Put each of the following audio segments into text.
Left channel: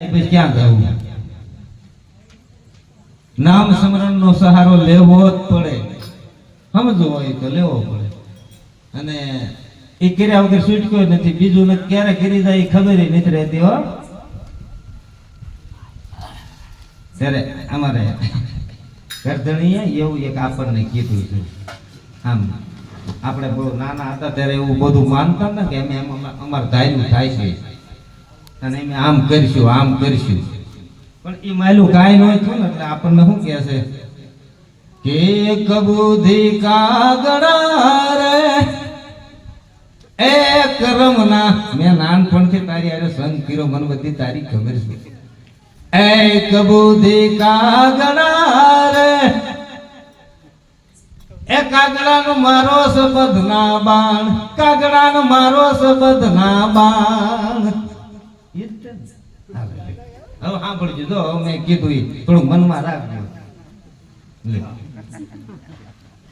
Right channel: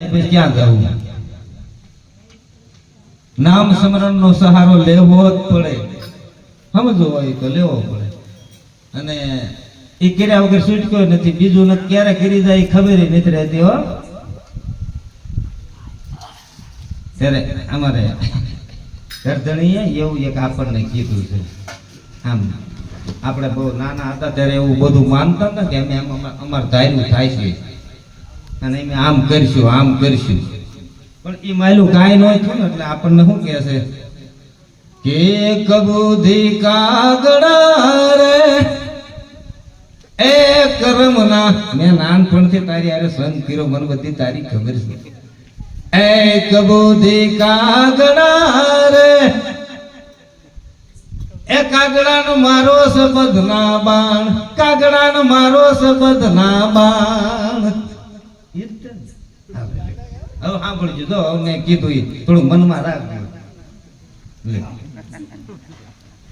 ક્યાં જવું? નામ સ્મરણ નો સહારો લેવો જ પડે. સમજો હોય તો લેવો પડે. અને એ કર્યા વગર છૂટક્યો નથી. બીજું ક્યારે કરી જાય ખબર નથી રહેતી હો. ત્યારે અમારે કરધણીએ એવું એક આપણને કીધું છે. આમ આપણે બહુ નાના હતા ત્યારે એવું બધું માનતા ને કે અમે અમારે ધાર્યું થાય છે. અને અમે આમ કરશું આમ કરશું. પણ એ માયલું કાંઈ ન થયું ને, એટલે આપણને શું કહે છે? કે કબૂધી કાગડા રે એક રમના. મેં નાનપણથી તારી અરે સંગ કીરો મને બધી તારી ખબર છે. એક બુદ્ધિ કાગડા રે એ કાગડાનો મારો સબધના બાણ કાગડાનો મારો સબધના બાણ. હવે સાંભળજો તો મેં કીધું એ, થોડું મનમાં રાખજો.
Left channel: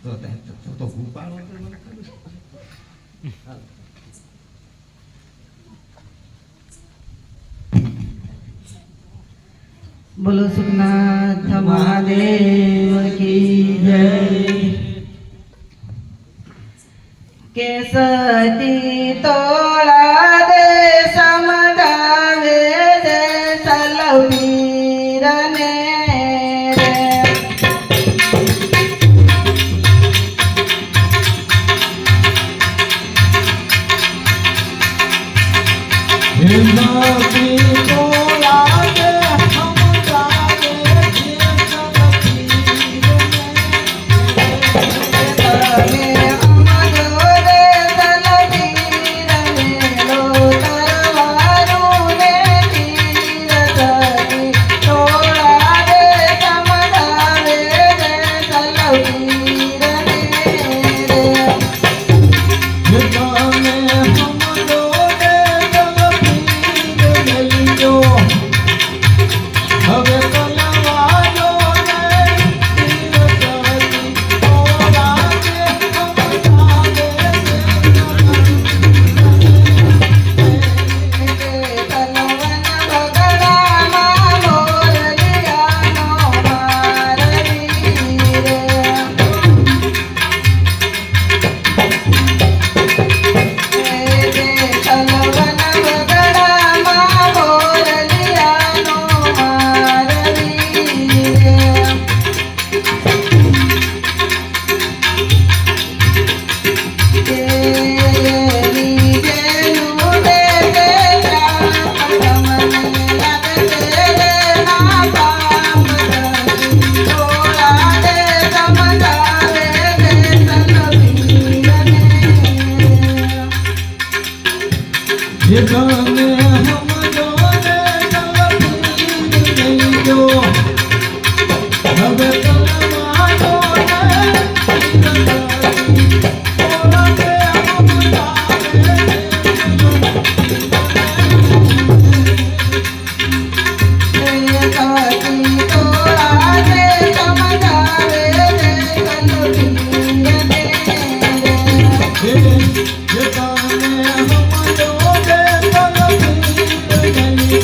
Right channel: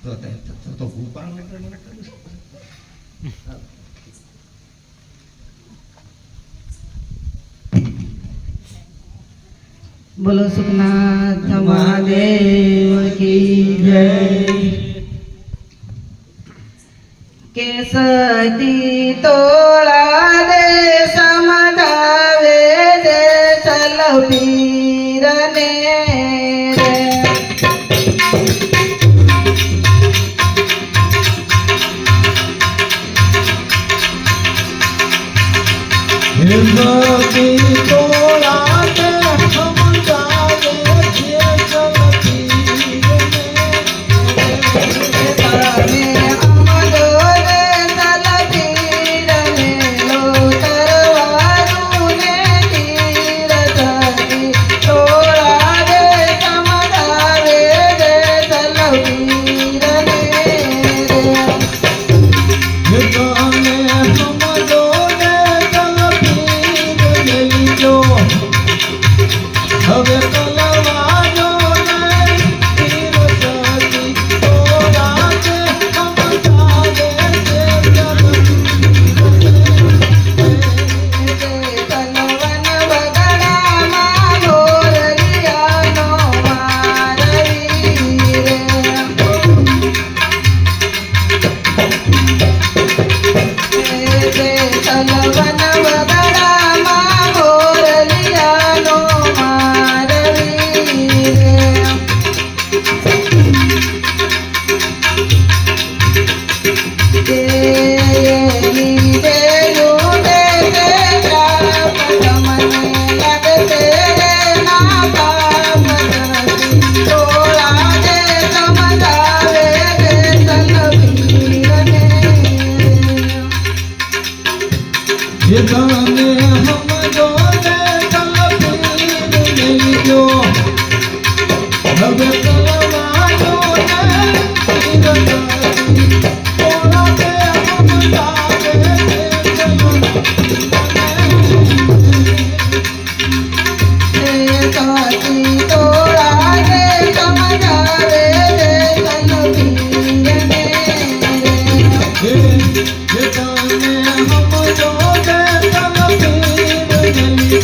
તો તો- તો- તો તો બોલો સુખનાથ, મહાદેવ કી જય. કે સતી તોળા होती હવે ચલવાનો નહીં